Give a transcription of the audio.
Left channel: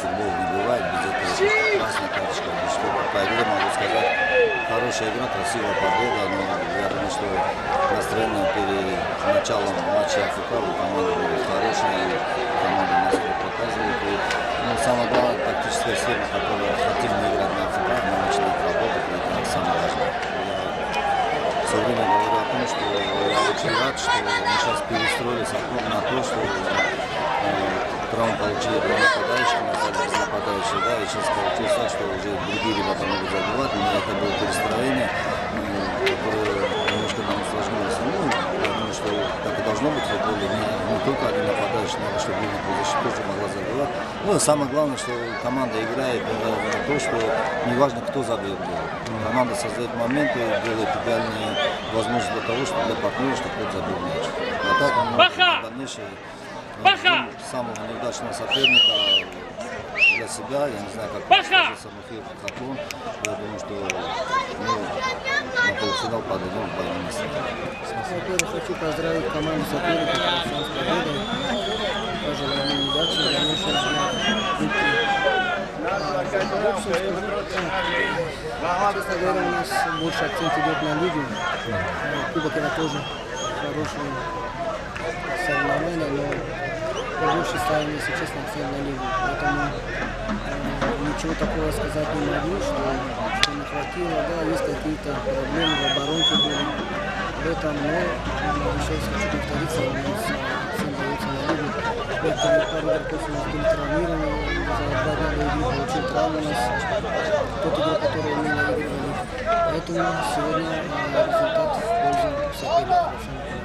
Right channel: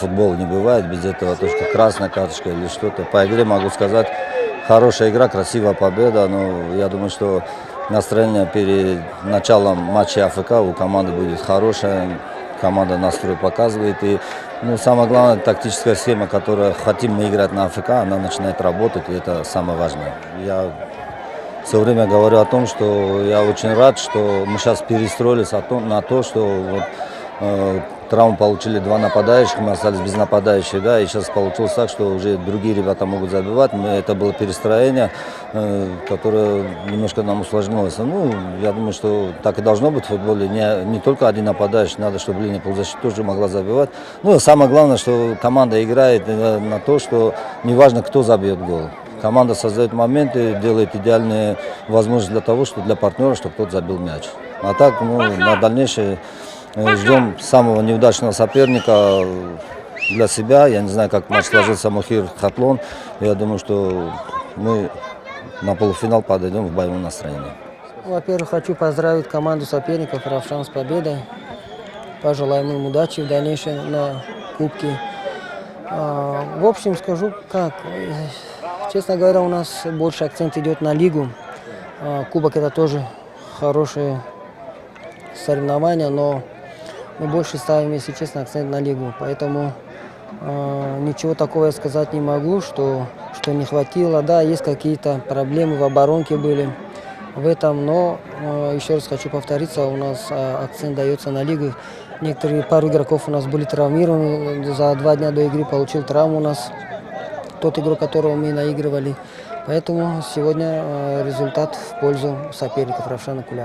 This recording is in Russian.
Футбол не бывает без этого, то, что красная карточка или что-то. По игре могу сказать, хорошая игра, красивая победа, но я думаю, что настроение перед началом матча АФК у команды будет хорошее, команда настрой показывает. И самое главное, тактическая схема, которую хотим мы играть на АФК, она начинает работать, и это самое важное. Я все время говорю о том, что я очень рад, что мы сейчас перестроились на то, что травму получили два нападающих, мы остались без нападающих, да, и сейчас получилось так, что уже другие ребята могут забивать, но это было перестроение, которое немножко нам усложнилось. Я думаю, что так и должно быть в футболе, не только один нападающий, надо, чтобы линия полузащиты тоже могла забивать. Самое главное, что команда играет на то, что неважно, кто забьет гол. Команда создает моменты, делает идеальные возможности для того, чтобы для партнера, чтобы кто-то забил мяч. А так, на дальнейшее ждем самого неудачного соперника для себя. Я не знаю, как матч сложится Мухир Хатлон. Я думаю, что мы на полуфинал подойдем в боевом настроении. Во-первых, хочу поздравить команду соперников Равшан с победой. Пожелаем им удачи в дальнейшем на кубке. В общем, скажу так. Честно говоря, у нас больше акцент идет на лигу. Кубок это тоже хорошее соревнование, но мы больше ставим, если честно, акцент на лигу. Поэтому ничего такого я сказать не могу, что не хватило. Да, есть какие-то проблемы в оборонке были в этом, но еще раз хочу повториться, у нас акцент дается на лигу. Пару игроков у нас были травмированы, за 2 дня до игры получил травму у нас тот игрок, которого мы наигрывали. Поэтому сегодня результат в пользу соперников Равшана Пуля.